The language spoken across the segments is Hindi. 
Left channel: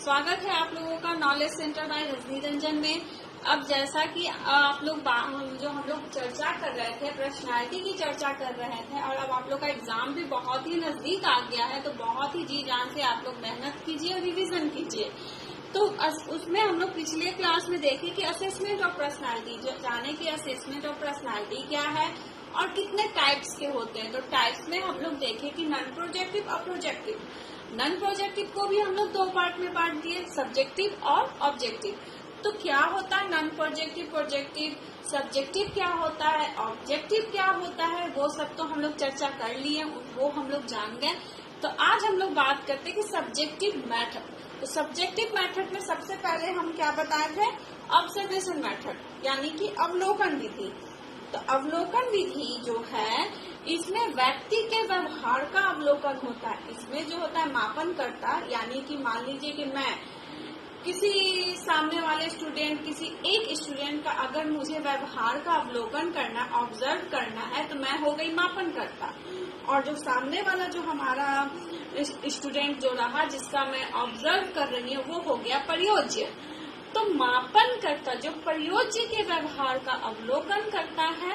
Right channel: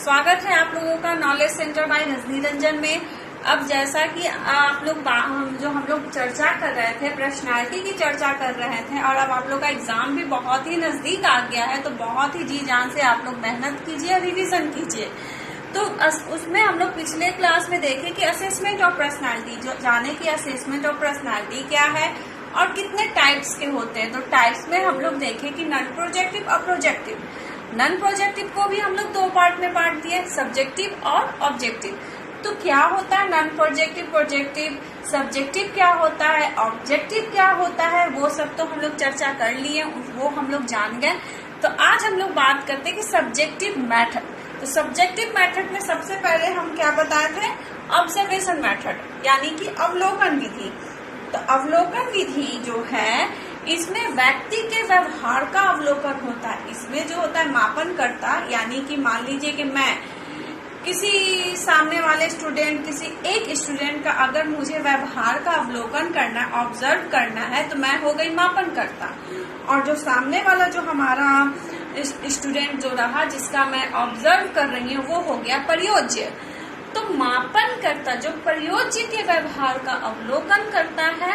स्वागत है आप लोगों का knowledge centre by Rajni Ranjan में। अब जैसा कि आप लोग हम लोग चर्चा कर रहे थे, पर्सनालिटी की चर्चा कर रहे थे और अब आप लोग का एग्जाम भी बहुत ही नजदीक आ गया है, तो बहुत ही जी जान से आप लोग मेहनत कीजिए, रिवीजन कीजिए। तो उसमें हम लोग पिछले क्लास में देखे कि असेसमेंट ऑफ पर्सनालिटी, जो जाने की असेसमेंट ऑफ पर्सनालिटी क्या है और कितने टाइप्स के होते हैं। तो टाइप्स में हम लोग देखे कि नॉन प्रोजेक्टिव और प्रोजेक्टिव। नॉन प्रोजेक्टिव को भी हम लोग दो पार्ट में बांट दिए, सब्जेक्टिव और ऑब्जेक्टिव। तो क्या होता है नॉन प्रोजेक्टिव, प्रोजेक्टिव, सब्जेक्टिव क्या होता है, ऑब्जेक्टिव क्या होता है, वो सब तो हम लोग चर्चा कर लिए, वो हम लोग जान गए। तो आज हम लोग बात करते हैं कि सब्जेक्टिव मेथड। तो सब्जेक्टिव मेथड में सबसे पहले हम क्या बताए थे, ऑब्जर्वेशन मेथड, यानी कि अवलोकन विधि। तो अवलोकन विधि जो है, इसमें व्यक्ति के व्यवहार का अवलोकन होता है। इसमें जो होता है मापन करता, यानी कि मान लीजिए कि मैं किसी सामने वाले स्टूडेंट, किसी एक स्टूडेंट का अगर मुझे व्यवहार का अवलोकन करना, ऑब्जर्व करना है, तो मैं हो गई मापन करता। और जो सामने वाला जो हमारा स्टूडेंट जो रहा, जिसका मैं ऑब्जर्व कर रही हूँ, वो हो गया प्रयोज्य। तो मापन करता जो प्रयोज्य के व्यवहार का अवलोकन करता है,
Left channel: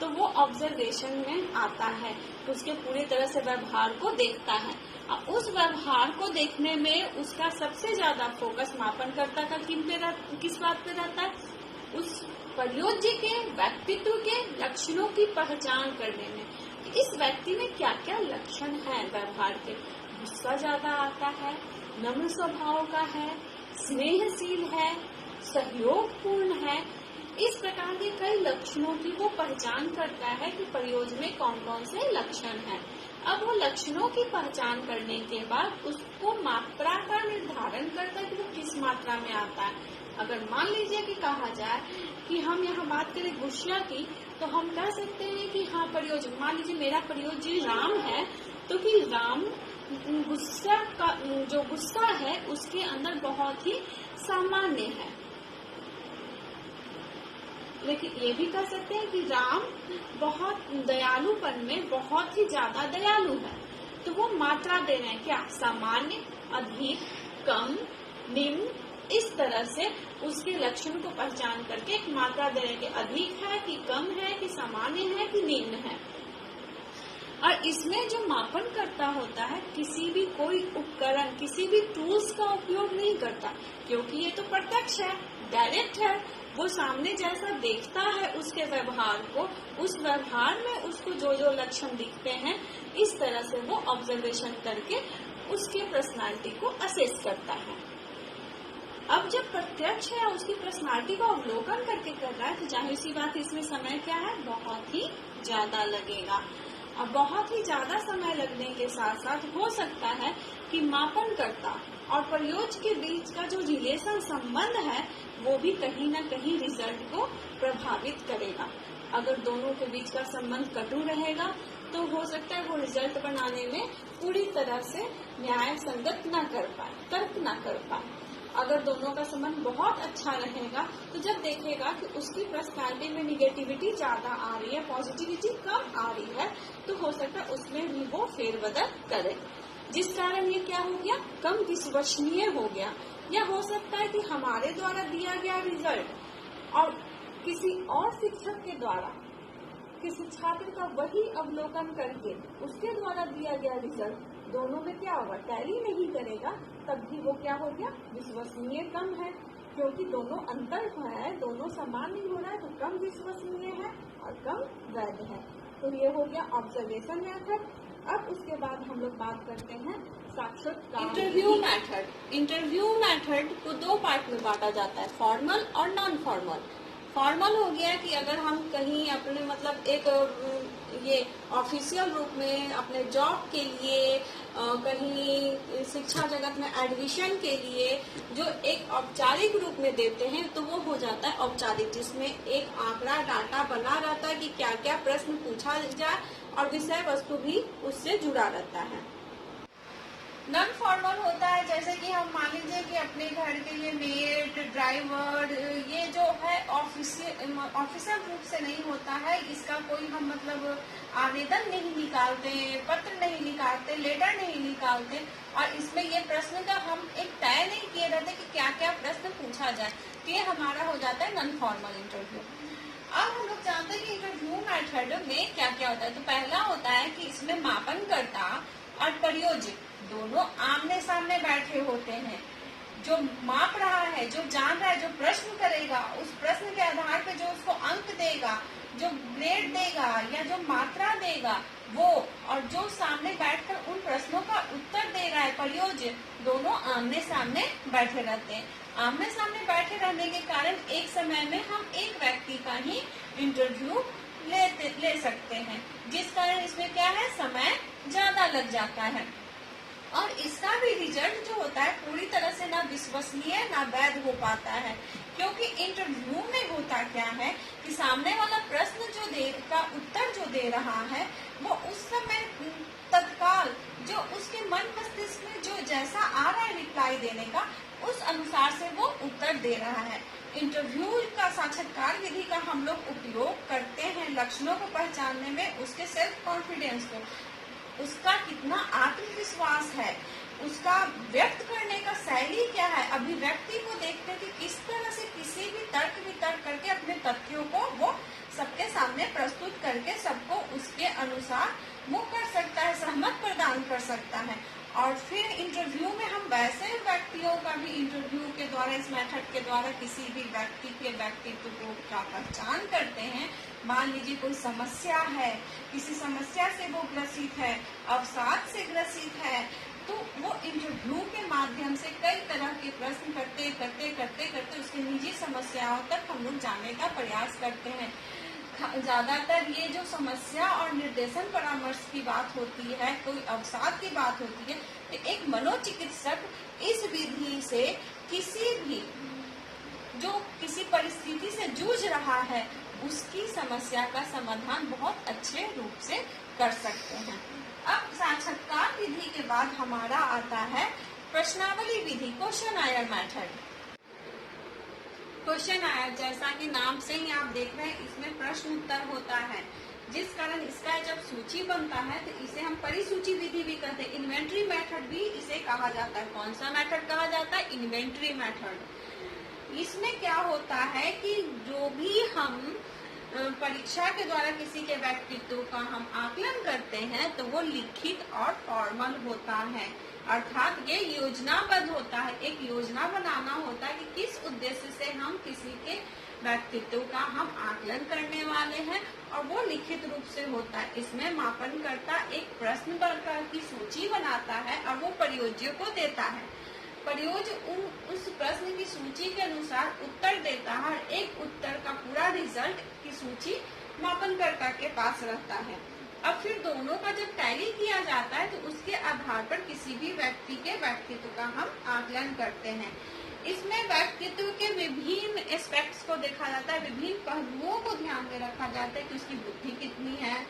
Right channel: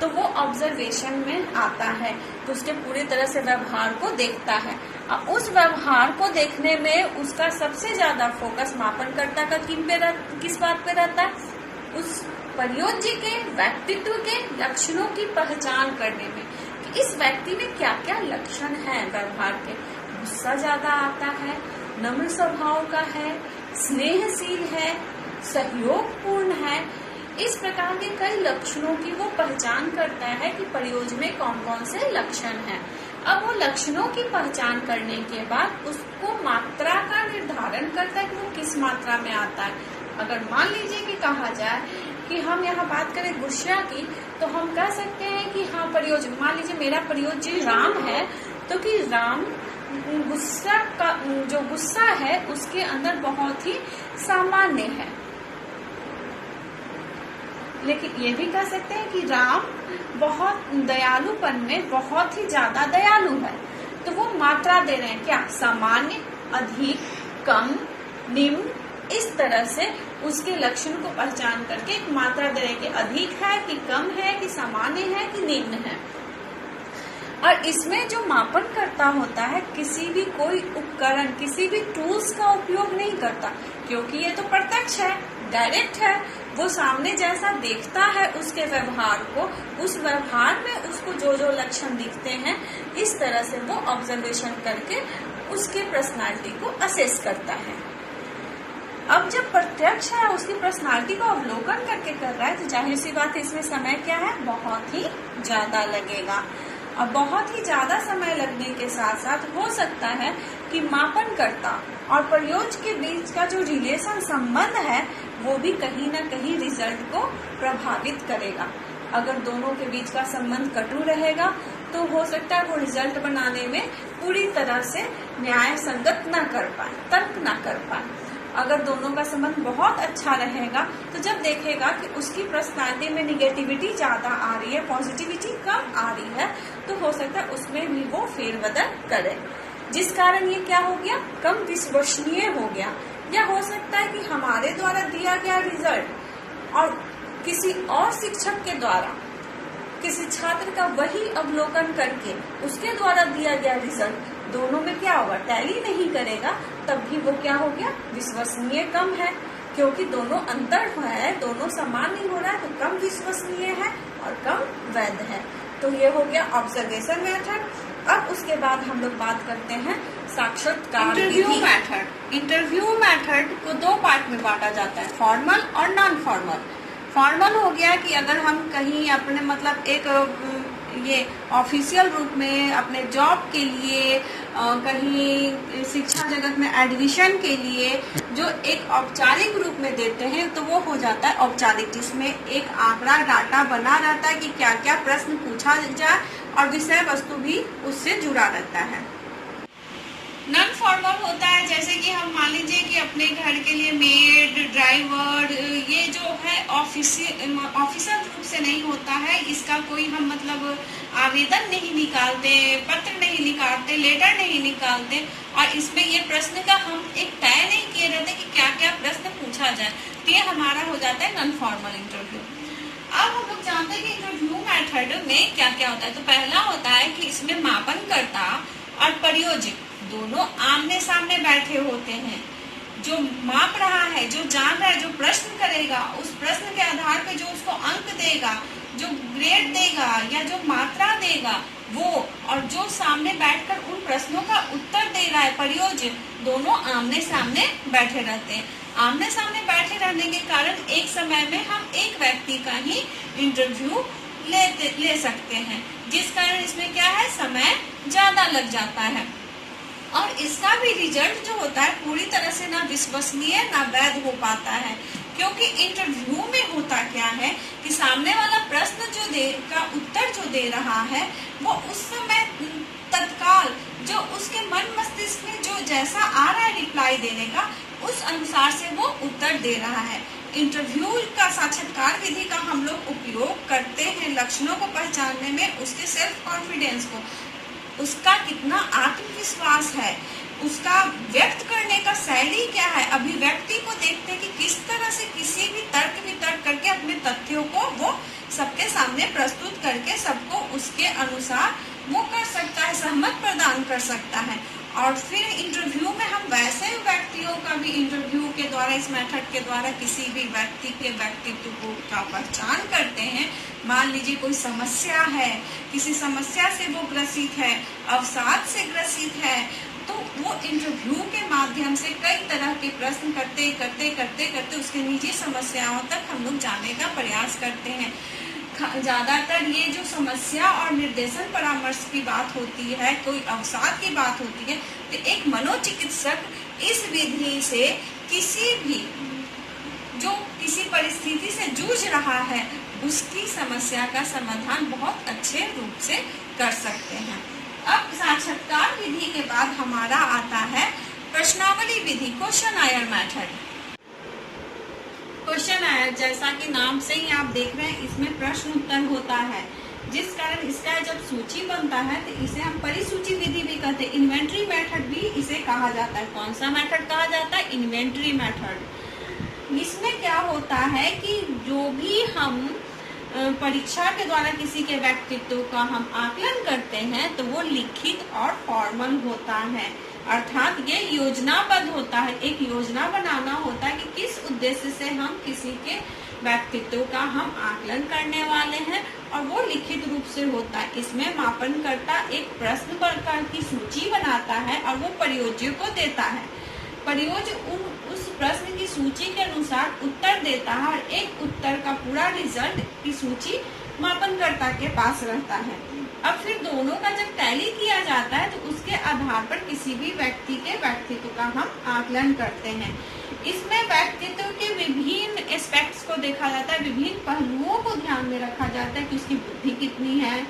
तो वो ऑब्जर्वेशन में आता है, तो उसके पूरी तरह से व्यवहार को देखता है। अब उस व्यवहार को देखने में उसका सबसे ज्यादा फोकस मापनकर्ता का किस बात पे रहता है, उस प्रयोज्य के व्यक्तित्व के लक्षणों की पहचान करने में कि इस व्यक्ति में क्या क्या लक्षण है व्यवहार के। गुस्सा ज्यादा आता है, नम्र स्वभाव का है, स्नेहशील है, सहयोगपूर्ण है, इस प्रकार के कई लक्षणों की वो पहचान करता है कि प्रयोज्य में कौन कौन से लक्षण हैं। अब वो लक्षणों की पहचान करने के बाद उसको मात्रा का निर्धारण करता है कि वो किस मात्रा में आता है। अगर मान लीजिए कि कहा जाए कि हम यहाँ बात करें गुस्सा की, तो हम कह सकते हैं कि हाँ प्रयोज्य, मान लीजिए मेरा प्रयोज्य राम है, तो कि राम गुस्सा का जो गुस्सा है उसके अंदर बहुत ही सामान्य है। लेकिन ये भी कह सकते हैं कि राम बहुत दयालुपन में बहुत ही ज्यादा दयालु है। तो वो मात्रा दे रहे हैं क्या, सामान्य, अधिक, कम, निम्न, इस तरह से उसके लक्षण को पहचान करके एक मात्रा दे रहे हैं कि अधिक है कि कम है कि सामान्य है कि निम्न है। और इसमें जो मापन करता होता है, किसी भी कोई उपकरण, किसी भी टूल्स का उपयोग नहीं करता, क्योंकि ये तो प्रत्यक्ष है, डायरेक्ट है। वो सामने जैसा देखता है उसके व्यवहार को, उस व्यवहार में उसको जो जो लक्षण दिखते हैं, इस तरह से वो ऑब्जर्वेशन करके उसके पर्सनालिटी को असेस करता है। अब जब प्रत्यक्ष है, उसकी पर्सनालिटी को अवलोकन करके कर रहा है, तो जाहिर सी बात है इसमें समय क्या है, बहुत ही ज्यादा लगेगा। अब बहुत ही ज्यादा समय लगने के साथ साथ हो सकता है कि मापनकर्ता और प्रयोज्य के बीच का जो रिलेशन, संबंध है, वो भी कहीं ना कहीं रिजल्ट को प्रभावित करेगा। अगर दोनों के बीच का संबंध कटु रहेगा, तो हो सकता है वो रिजल्ट बनाने में पूरी तरह से न्याय संगत न कर पाए, तर्क न कर पाए। अगर दोनों का संबंध बहुत अच्छा रहेगा, तो जब देखेगा कि उसकी पर्सनालिटी में निगेटिविटी ज्यादा आ रही है, पॉजिटिविटी कम आ रही है, तो हो सकता है उसमें भी वो फेरबदल करे, जिस कारण ये क्या हो गया, कम विश्वसनीय हो गया। या हो सकता है कि हमारे द्वारा दिया गया रिजल्ट और किसी और शिक्षक के द्वारा किसी छात्र का वही अवलोकन करके उसके द्वारा दिया गया रिजल्ट, दोनों में क्या होगा, टैली नहीं करेगा, तब भी वो क्या हो गया, विश्वसनीय कम है, क्योंकि दोनों अंतर है, दोनों समान नहीं हो रहा है, तो कम विश्वसनीय है और कम वैध है। तो ये हो गया ऑब्जर्वेशन मेथड। अब उसके बाद हम लोग बात करते हैं साक्षात्कार विधि। इंटरव्यू मेथड को दो पार्ट में बांटा जाता है, फॉर्मल और नॉन फॉर्मल। फॉर्मल हो गया कि अगर हम कहीं अपने मतलब एक ये ऑफिशियल रूप में अपने जॉब के लिए, कहीं शिक्षा जगत में एडमिशन के लिए जो एक औपचारिक रूप में देते हैं, तो वो हो जाता है औपचारिक, जिसमें एक आंकड़ा डाटा बना रहता है कि क्या क्या प्रश्न पूछा जाए और विषय वस्तु भी उससे जुड़ा रहता है। नॉन फॉर्मल होता है जैसे कि हम मान लीजिए कि अपने घर के लिए मेड, ड्राइवर, ये जो है ऑफिशियल रूप से नहीं होता है, इसका कोई हम मतलब आवेदन नहीं निकालते, पत्र नहीं निकालते, लेटर नहीं निकालते, और इसमें ये प्रश्न का हम एक तय नहीं किए लेते हैं कि क्या क्या प्रश्न पूछा जाए। तो ये हमारा हो जाता है नॉन फॉर्मल इंटरव्यू। अब हम लोग जानते हैं कि इंटरव्यू मेथड में क्या क्या होता है। तो पहला होता है कि इसमें मापनकर्ता और प्रयोजक दोनों आमने सामने बैठे होते हैं। जो माप रहा है, जो जान रहा है, जो प्रश्न करेगा, उस प्रश्न के आधार पर जो उसको अंक देगा, जो ग्रेड देगा या जो मात्रा देगा वो, और जो सामने बैठकर उन प्रश्नों का उत्तर दे रहा है प्रयोजक, दोनों आमने सामने बैठे रहते हैं। आमने सामने बैठे रहने के कारण एक समय में हम एक व्यक्ति का ही इंटरव्यू ले सकते हैं, जिस कारण इसमें क्या है, समय ज्यादा लग जाता है। और इसका भी रिजल्ट जो होता है पूरी तरह से ना विश्वसनीय ना वैध हो पाता है, क्योंकि इंटरव्यू में होता क्या है कि सामने वाला प्रश्न का उत्तर जो दे रहा है वो उस समय तत्काल जो उसके मन मस्तिष्क में जो जैसा आ रहा है रिप्लाई देने का, उस अनुसार से वो उत्तर दे रहा है। इंटरव्यू का साक्षात्कार विधि का हम लोग उपयोग करते हैं लक्षणों को पहचानने में, उसके सेल्फ कॉन्फिडेंस को, उसका कितना आत्मविश्वास है, उसका व्यक्त करने का शैली क्या है, अभिव्यक्ति को देखते हैं कि किस तरह से किसी भी तर्क वितर्क करके अपने तथ्यों को वो सबके सामने प्रस्तुत करके सबको उसके अनुसार वो कर सकता है, सहमत प्रदान कर सकता है। और फिर इंटरव्यू में हम वैसे व्यक्तियों का भी इंटरव्यू के द्वारा, इस मेथड के द्वारा किसी भी व्यक्ति के व्यक्तित्व का पहचान करते हैं। मान लीजिए कोई समस्या है, किसी समस्या से वो ग्रसित है, अवसाद से ग्रसित है, तो वो इंटरव्यू के माध्यम से कई तरह के प्रश्न करते करते करते करते उसके निजी समस्याओं तक हम लोग जाने का प्रयास करते हैं। ज्यादातर ये जो समस्या और निर्देशन परामर्श की बात होती है, कोई अवसाद की बात होती है, तो एक मनोचिकित्सक इस विधि से किसी भी जो किसी परिस्थिति से जूझ रहा है उसकी समस्या का समाधान बहुत अच्छे रूप से कर सकते हैं। अब साक्षात्कार विधि के बाद हमारा आता है प्रश्नावली विधि, क्वेश्चनायर मेथड। क्वेश्चनायर जैसा कि नाम से ही आप देख रहे हैं, इसमें प्रश्न उत्तर होता है, जिस कारण इसका जब सूची बनता है तो इसे हम परिसूची विधि भी कहते हैं। इन्वेंटरी मेथड भी इसे कहा जाता है। कौन सा मेथड कहा जाता है? Inventory method. इसमें क्या होता है कि जो भी हम परीक्षा के द्वारा किसी के व्यक्तित्व का हम आकलन करते हैं तो वो लिखित और फॉर्मल होता है, अर्थात ये योजनाबद्ध होता है। एक योजना बनाना होता है कि किस उद्देश्य से हम किसी के व्यक्तित्व का हम आकलन करने वाले हैं, और वो लिखित रूप से होता है। इसमें मापनकर्ता एक प्रश्न प्रकार की सूची बनाता है और वो प्रयोज्य को देता है। प्रयोज्य उस प्रश्न की सूची के अनुसार उत्तर देता है, और एक उत्तर का पूरा रिजल्ट की सूची मापनकर्ता के पास रहता है। अब फिर दोनों का जब टैली किया जाता है तो उसके आधार पर किसी भी व्यक्ति के व्यक्तित्व का हम आकलन करते हैं। इसमें व्यक्तित्व के विभिन्न एस्पेक्ट्स को देखा जाता है, विभिन्न पहलुओं को ध्यान में रखा जाता है कि उसकी बुद्धि कितनी है,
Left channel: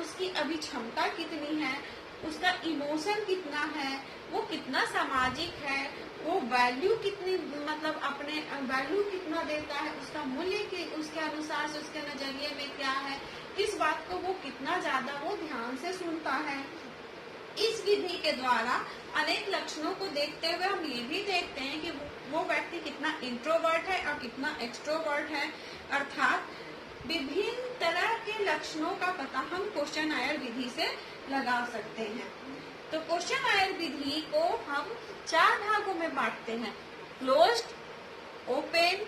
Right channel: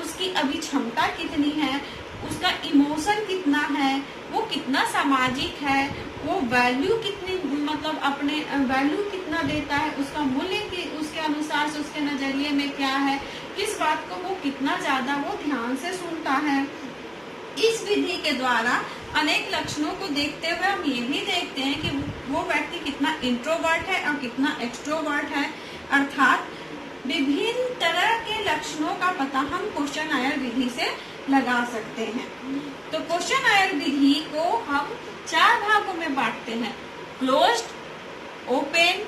उसकी अभिक्षमता कितनी है, उसका इमोशन कितना है, वो कितना सामाजिक है, वो वैल्यू कितनी, मतलब अपने वैल्यू कितना देता है, उसका मूल्य की उसके अनुसार से उसके नजरिए में क्या है, इस बात को वो कितना ज्यादा वो ध्यान से सुनता है। इस विधि के द्वारा अनेक लक्षणों को देखते हुए हम ये भी देखते हैं कि वो व्यक्ति कितना इंट्रोवर्ट है और कितना एक्सट्रोवर्ट है, अर्थात विभिन्न तरह के लक्षणों का पता हम क्वेश्चनायर विधि से लगा सकते हैं। तो क्वेश्चनायर विधि को हम 4 भागों में बांटते हैं: closed, open,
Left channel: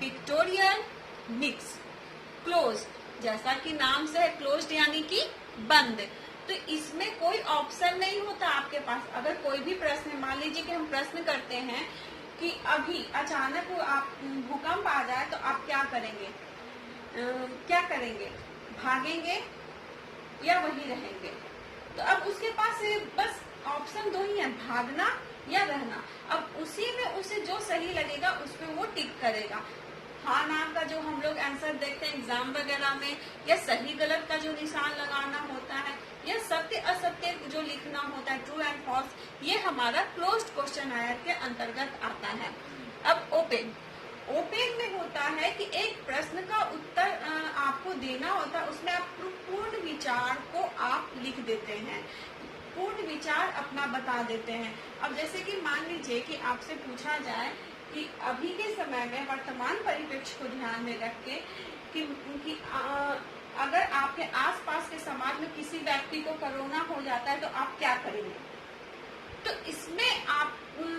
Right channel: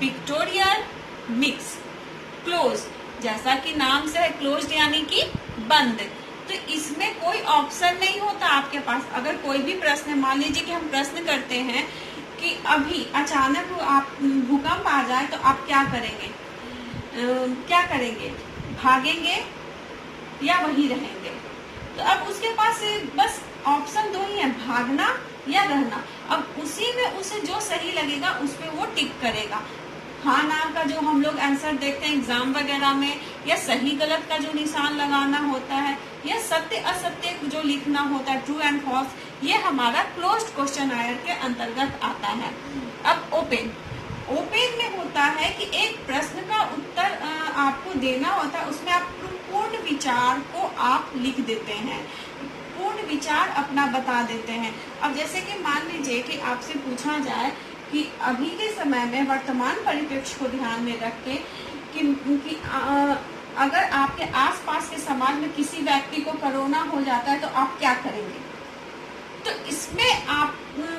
pictorial, mix. Closed जैसा कि नाम से है, क्लोज्ड यानी कि बंद, तो इसमें कोई ऑप्शन नहीं होता आपके पास। अगर कोई भी प्रश्न, मान लीजिए कि हम प्रश्न करते हैं कि अभी अचानक आप भूकंप आ जाए तो आप क्या करेंगे, भागेंगे या वहीं रहेंगे? तो अब उसके पास बस ऑप्शन 2 ही है, भागना या रहना। अब उसी में उसे जो सही लगेगा उस पे वो टिक करेगा। हाँ ना का जो हम लोग आंसर देखते हैं एग्जाम वगैरह में, या सही गलत का जो निशान लगाना होता है, या सत्य असत्य जो लिखना होता है, ट्रू एंड फॉल्स, ये हमारा क्लोज्ड क्वेश्चनायर के अंतर्गत आता है। अब ओपन में होता है कि एक प्रश्न का उत्तर आपको देना होता है, उसमें आप पूर्ण विचार को आप लिख देते हैं। पूर्ण विचार अपना बता देते हैं। अब जैसे कि मान लीजिए कि आपसे पूछा जाए कि अभी के समय में वर्तमान परिप्रेक्ष्य को ध्यान में रख के कि अगर आपके आसपास के समाज में किसी व्यक्ति को कोरोना हो जाता है तो आप क्या करेंगे। तो इसमें आप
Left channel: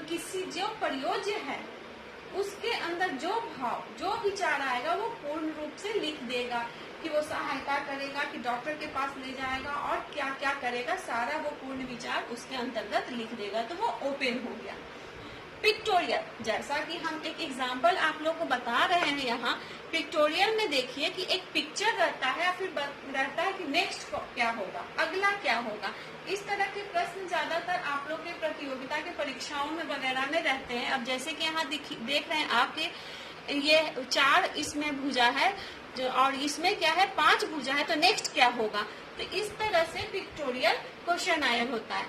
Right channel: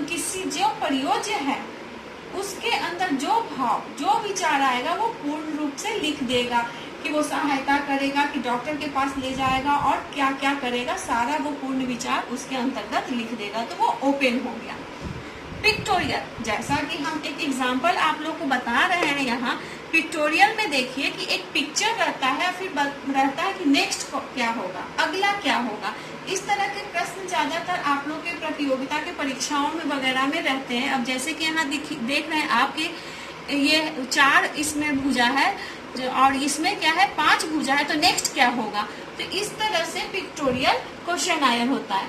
किसी जो प्रयोज्य है उसके अंदर जो भाव जो विचार आएगा वो पूर्ण रूप से लिख देगा कि वो सहायता करेगा, कि डॉक्टर के पास ले जाएगा और क्या क्या करेगा, सारा वो पूर्ण विचार उसके अंतर्गत लिख देगा। तो वो ओपन हो गया। पिक्टोरियल, जैसा कि हम एक एग्जाम्पल आप लोग को बता रहे हैं यहाँ, पिक्टोरियल में देखिए कि एक पिक्चर रहता है, फिर रहता है कि नेक्स्ट क्या होगा, अगला क्या होगा। इस तरह के प्रश्न ज्यादातर आप लोग के प्रतियोगिता के परीक्षाओं में वगैरह में रहते हैं। अब जैसे कि यहाँ देख रहे हैं आपके ये 4 इसमें भुजा है और इसमें क्या है 5 भुजा है, तो नेक्स्ट क्या होगा। तो इस तरह से पिक्टोरियल क्वेश्चन आयर होता है।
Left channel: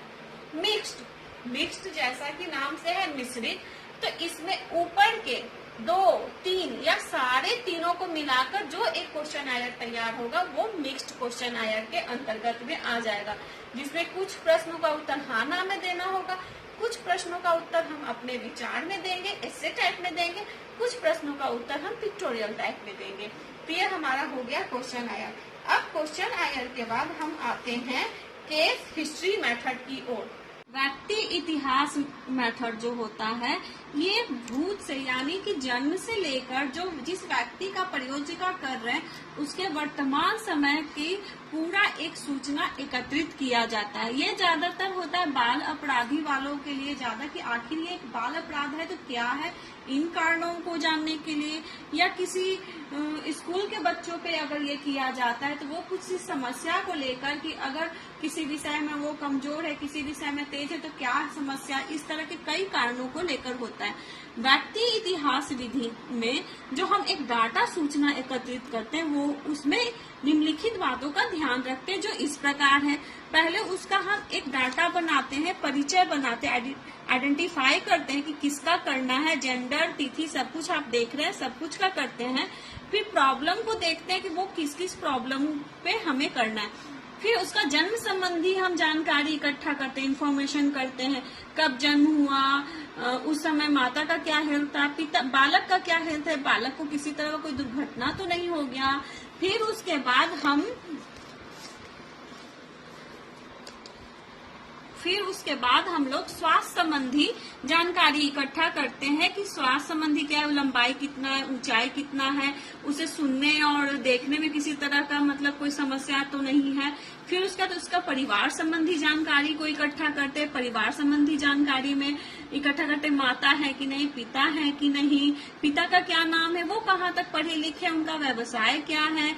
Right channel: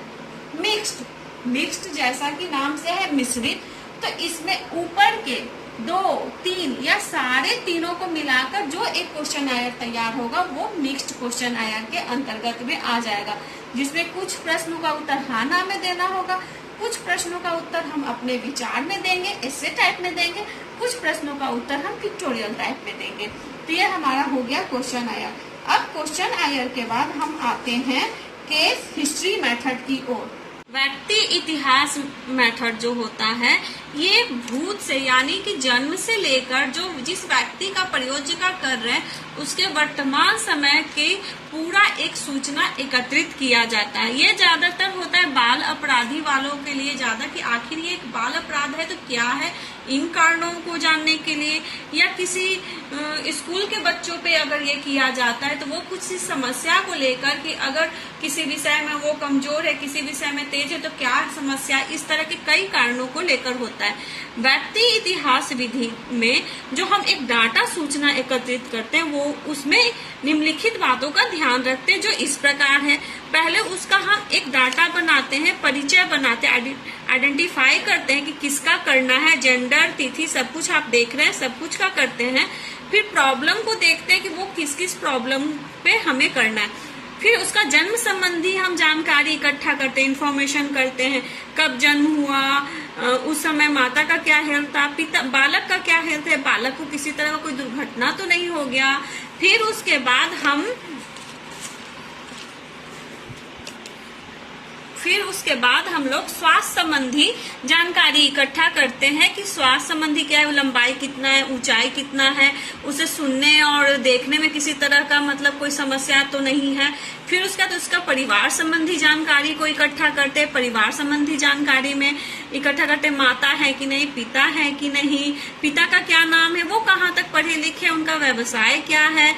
मिक्स्ड जैसा कि नाम से है मिश्रित, तो इसमें ऊपर के 2, 3 या सारे तीनों को मिलाकर जो एक क्वेश्चन आयर तैयार होगा वो मिक्स्ड क्वेश्चन आयर के अंतर्गत में आ जाएगा, जिसमें कुछ प्रश्नों का उत्तर हाँ ना में देना होगा, कुछ प्रश्नों का उत्तर हम अपने विचार में देंगे, एसे टाइप में देंगे, कुछ प्रश्नों का उत्तर हम पिक्टोरियल टाइप में देंगे। तो ये हमारा हो गया क्वेश्चन आयर। अब क्वेश्चन आयर के बाद हम आते हैं केस हिस्ट्री मेथड की ओर। व्यक्ति इतिहास मेथड जो होता है ये भूत से यानी कि जन्म से लेकर जो जिस व्यक्ति का प्रयोजिका कर रहे हैं उसके वर्तमान समय के पूरा एक सूचना एकत्रित किया जाता है। ये ज्यादातर होता है बाल अपराधी वालों के लिए ज्यादा, कि आखिर ये एक बाल अपराध है तो क्या है, इन कारणों को जानने के लिए, या किसी स्कूल के बच्चों पे अगर ये किया जाता है तो वो कुछ समस्या को लेकर कि अगर किसी विषय में वो कमजोर है, किसी विषय में तेज है तो क्या समस्या, इस तरह के कई कारणों को लेकर होता है। व्यक्ति इतिहास विधि में जो हम एक डाटा सूचना एकत्रित करते हैं वो उसमें निम्नलिखित बातों का ध्यान रखते हैं जो इस प्रकार है। पहले उसका हम एक डाटा बनाते हैं, परिचय बनाते हैं, आइडेंटिफाई करते हैं कि किसका करना है, जेंडर, तिथि, सब कुछ आप देख रहे हैं, सब कुछ का करते हैं। फिर प्रॉब्लम को देखते हैं कि वो किस किस प्रॉब्लम पे हमें करना है। फिर उसका जन्म संबंधी हम जानकारी इकट्ठा करते हैं, इंफॉर्मेशन करते हैं, कब जन्म हुआ, उस समय माता का क्या हेल्थ था, पिता बालक का क्या हेल्थ है, बालक को किसी तरह का कोई दुर्घटना तो नहीं हो गया। फिर उसके बाद हम लोग स्वास्थ्य संबंधी जानकारी इकट्ठा करते हैं कि स्वास्थ्य संबंधी क्या है, लंबाई कितना है, ऊंचाई कितना है, उसे सुनने और देखने में किसी तरह का मतलब कोई समस्या तो नहीं है। फिर उसका तो उसका परिवार संबंधी जानकारी को इकट्ठा करते हैं, परिवार संबंधी जानकारी में इकट्ठा करते माता है कि नहीं, पिता है कि नहीं, पिता का क्या नाम है, वो कहाँ तक पढ़े लिखे, उनका व्यवसाय क्या है,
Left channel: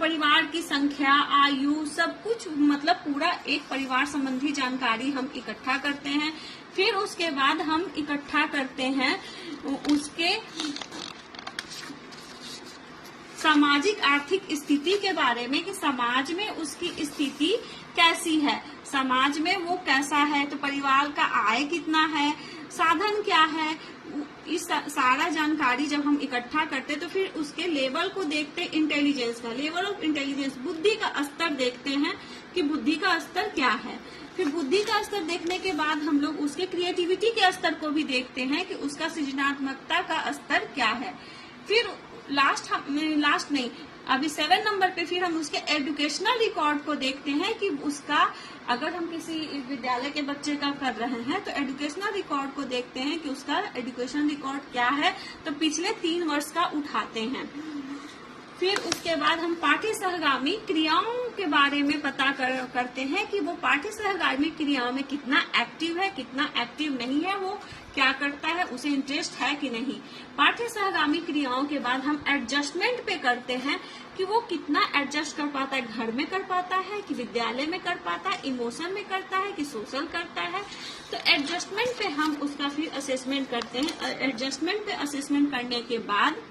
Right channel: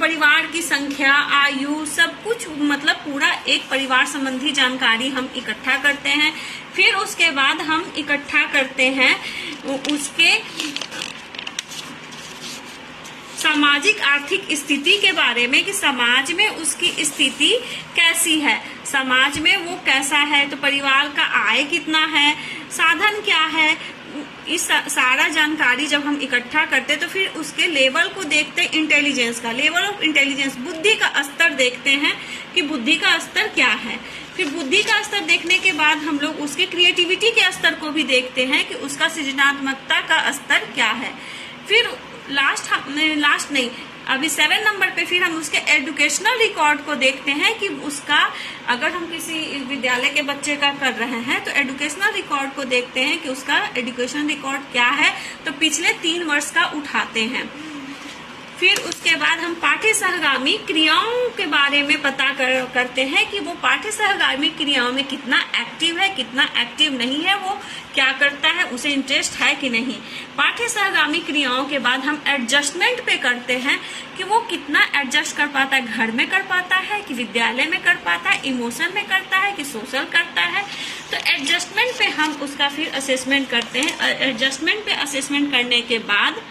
परिवार की संख्या, आयु, सब कुछ मतलब पूरा एक परिवार संबंधी जानकारी हम इकट्ठा करते हैं। फिर उसके बाद हम इकट्ठा करते हैं उसके सामाजिक आर्थिक स्थिति के बारे में कि समाज में उसकी स्थिति कैसी है, समाज में वो कैसा है, तो परिवार का आय कितना है, साधन क्या है, इस सारा जानकारी जब हम इकट्ठा करते हैं तो फिर उसके लेवल को देखते हैं, इंटेलिजेंस का लेवल ऑफ इंटेलिजेंस, बुद्धि का स्तर देखते हैं कि बुद्धि का स्तर क्या है। फिर बुद्धि का स्तर देखने के बाद हम लोग उसके क्रिएटिविटी के स्तर को भी देखते हैं कि उसका सृजनात्मकता का स्तर क्या है। फिर लास्ट नहीं, अभी 7 नंबर पे फिर हम उसके एजुकेशनल रिकॉर्ड को देखते हैं कि उसका, अगर हम किसी विद्यालय के बच्चे का कर रहे हैं तो एजुकेशनल रिकॉर्ड को देखते हैं कि उसका एजुकेशन रिकॉर्ड क्या है, तो पिछले 3 वर्ष का उठाते हैं। फिर उसके बाद हम पाठ्य सहगामी क्रियाओं के बारे में पता करते हैं कि वो पाठ्य सहगामी क्रियाओं में कितना एक्टिव है, कितना एक्टिव नहीं है, वो क्या करता है, उसे इंटरेस्ट है कि नहीं। पाठ्य सहगामी क्रियाओं के बाद हम एडजस्टमेंट पे करते हैं कि वो कितना एडजस्ट कर पाता है, घर में कर पाता है कि विद्यालय में कर पाता है, इमोशन में करता है कि सोशल करता है। तो एडजस्टमेंट पे हम उसका फिर असेसमेंट करते हैं। एडजस्टमेंट पे असेसमेंट करने के बाद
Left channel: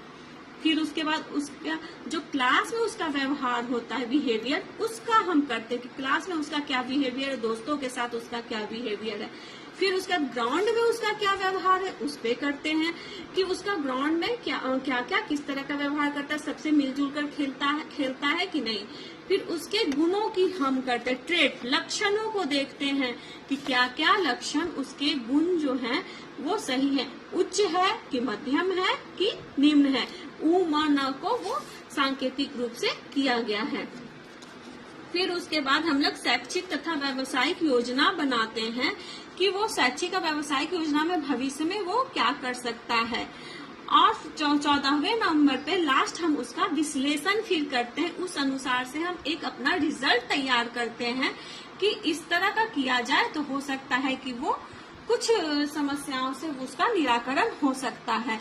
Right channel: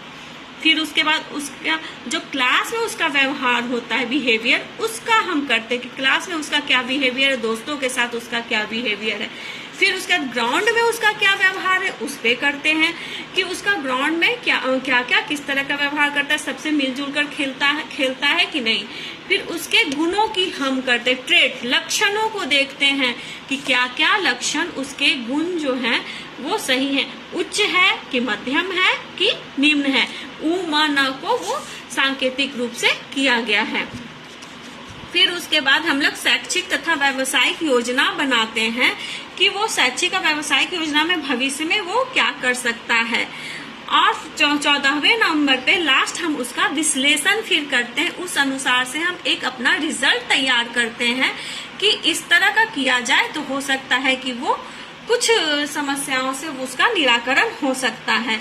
फिर उसके बाद उसका जो क्लास में उसका व्यवहार होता है, बिहेवियर, उसका हम करते हैं कि क्लास में उसका क्या बिहेवियर है, दोस्तों के साथ उसका क्या बिहेवियर है। फिर उसके बाद ग्राउंड में उसका क्या व्यवहार है, उस पे करते हैं कि उसका ग्राउंड में क्या क्या किस तरह का व्यवहार करता है, सबसे मिलजुल कर खेलता है कि नहीं। फिर उसके गुणों की हम करते हैं, ट्रेट, लक्षणों को देखते हैं कि क्या क्या लक्षण उसके गुण जो हैं वो सही है, उच्च है कि मध्यम है कि निम्न है। उ म न को वो सांकेतिक रूप से किया गया है। फिर उसके बाद हम लोग शैक्षिक तथा व्यावसायिक योजना बनाते हैं कि वो शैक्षिक और व्यावसायिक योजना में भविष्य में वो क्या कर सकता है। और 14वें नंबर पे लास्ट हम उसका विश्लेषण फिर करते हैं, उस अनुसार से हम एक अपना रिजल्ट तैयार करते हैं कि इस तरह का किया जाए तो हो सकता है कि वो कुछ समस्याओं से उसका निराकरण हो सकता है।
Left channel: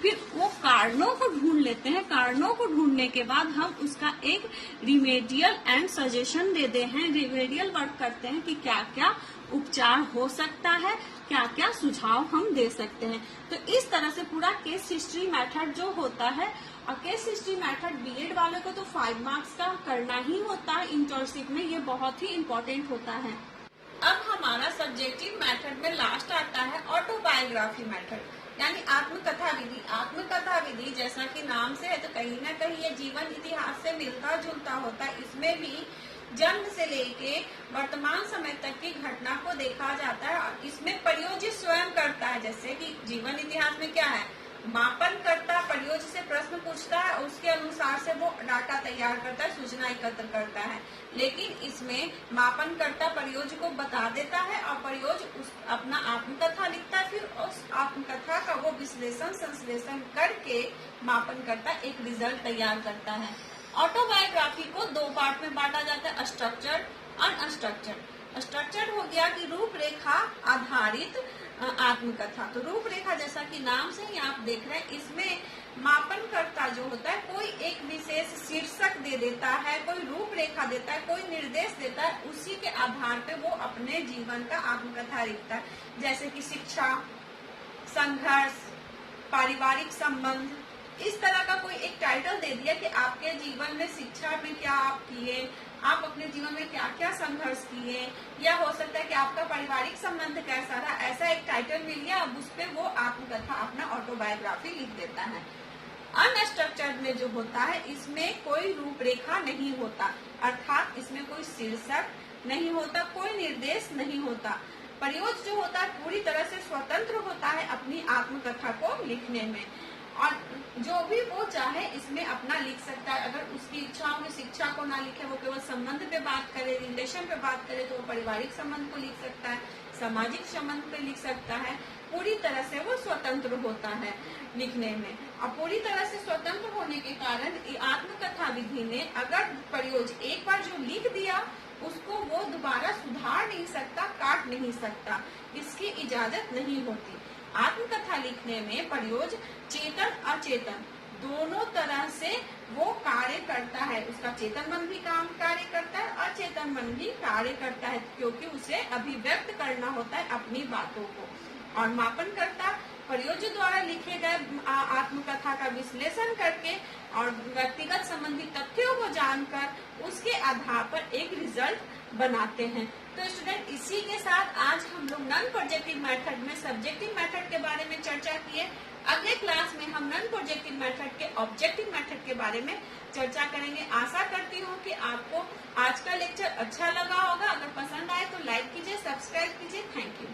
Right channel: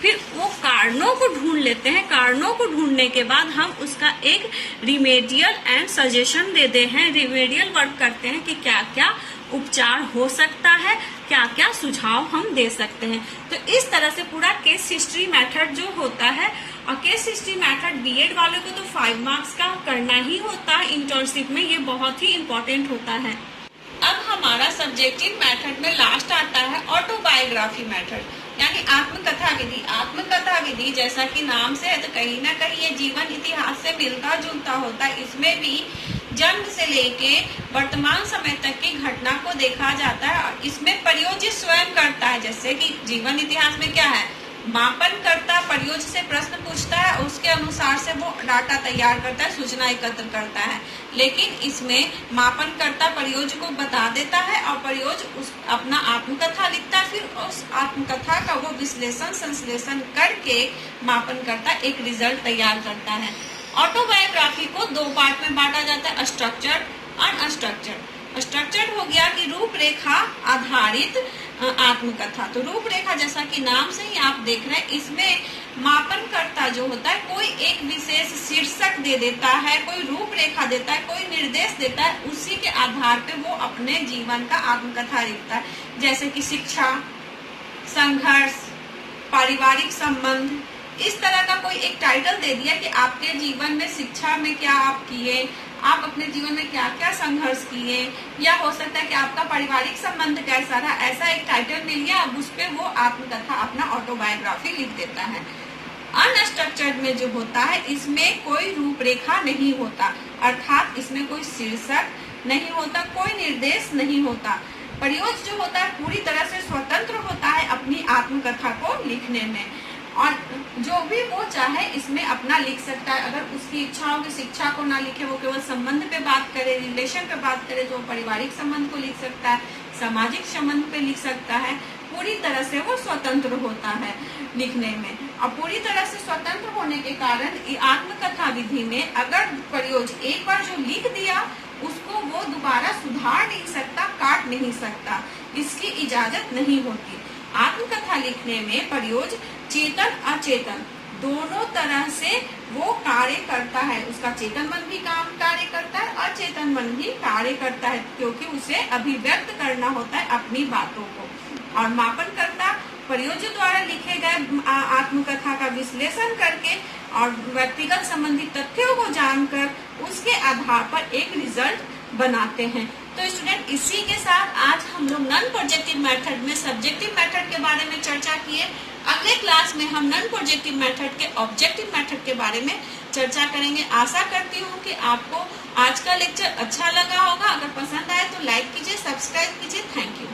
फिर वो कारणों को ढूंढ लेते हैं, कारणों को ढूंढने के बाद हम उसका एक रिमेडियल एंड सजेशन देते हैं, रिमेडियल वर्क करते हैं कि क्या क्या उपचार हो सकता है, क्या क्या सुझाव हम दे सकते हैं। तो इस तरह से पूरा केस हिस्ट्री मेथड जो होता है, और केस हिस्ट्री मेथड बीएड वाले को तो 5 मार्क्स का करना ही होता है इंटर्नशिप में, ये बहुत ही इम्पोर्टेंट होता है। अब हमारा सब्जेक्टिव मेथड में लास्ट आता है ऑटोबायोग्राफी मेथड, यानी आत्मकथा विधि। आत्मकथा विधि जैसा कि नाम से है तो कहीं ना कहीं ये जीवन इतिहास से मिलता जुलता होता है। इसमें भी जन्म से लेके वर्तमान समय तक की घटना को देखा जाता है और इसमें प्रयोज्य स्वयं करता है। जैसे कि जीवन इतिहास में क्या है, मापन करता, प्रयोज्य से प्रश्न पूछता है, उसके अनुसार से वो डाटा तैयार करता है, सूचना एकत्र करता है। लेकिन इसमें मापन करता प्रयोज्य को बता देता है और प्रयोज्य उस अपना आत्मकथा लिखता है, फिर उस आत्मकथा का वो विश्लेषण संश्लेषण करके मापन करता एक रिजल्ट तैयार करता है। ऑटोबायोग्राफी को 2 पार्ट में बांटा जाता है, स्ट्रक्चर्ड और अनस्ट्रक्चर्ड। स्ट्रक्चर्ड हो गया कि रूपरेखा आधारित आत्मकथा। तो रूपरेखा जैसा कि नाम से ही आप देख रहे हैं, इसमें मापन करता जो होता है कोई एक विशेष शीर्षक दे देता है, कोई रूपरेखा देता है, कोई निर्देश देता है, उसी के आधार पे वो अपने जीवन का आत्मकथा लिखता है। जैसे कि शिक्षा, संघर्ष, पारिवारिक संबंध, इस तरह का कोई एक टाइटल दे दिया कि आपके जीवन में शिक्षा में क्या आप किए, आप अपने जीवन में क्या क्या संघर्ष किए, या हो सकता है कि आपका पारिवारिक संबंध कैसा रहा, ऐसा एक टाइटल मिल गया। अब उस पे वो आत्मकथा अपना ऑटोबायोग्राफी लिख देता है। अनस्ट्रक्चर्ड में जो होता है इसमें कोई रूपरेखा नहीं होता, अर्थात इसमें कोई शीर्षक नहीं होता, कोई निर्देश नहीं होता। प्रयोज्य जो होता है पूरी तरह से स्वतंत्र होता है अपनी आत्मकथा को लिखने में, और जो भी वो चाहे इसमें अपना लिख सकता है। अगर उसकी इच्छा हो कि शिक्षा को ना लिखे, वो केवल संबंध पे बात करे, रिलेशन पे बात करे, तो पारिवारिक संबंध को लिख सकता है, सामाजिक संबंध पे लिख सकता है। पूरी तरह से वो स्वतंत्र होता है लिखने में। और पूरी तरह से स्वतंत्र होने के कारण आत्मकथा विधि में अगर प्रयोज्य एक बार जो लिख दिया उसको वो दोबारा सुधार नहीं सकता, काट नहीं सकता, इसकी इजाजत नहीं होती। आत्मकथा लिखने में प्रयोज्य चेतन अचेतन दोनों तरह से वो कार्य करता है। उसका चेतन मन भी कार्य करता है, अचेतन मन भी कार्य करता है, क्योंकि उसे अभिव्यक्त करना होता है अपनी बातों को। और मापन करता प्रयोज्य द्वारा लिखे गए आत्मकथा का विश्लेषण करके और व्यक्तिगत संबंधी तथ्यों को जानकर उसके आधार पर एक रिजल्ट बनाते हैं। तो स्टूडेंट, इसी के साथ आज हम लोग नॉन प्रोजेक्टिव मेथड में सब्जेक्टिव मेथड के बारे में चर्चा किए। अगले क्लास में हम नॉन प्रोजेक्टिव मेथड के ऑब्जेक्टिव मेथड के बारे में चर्चा करेंगे। आशा करती हूँ कि आपको आज का लेक्चर अच्छा लगा होगा। अगर पसंद आए तो लाइक कीजिए, सब्सक्राइब कीजिए। Thank you.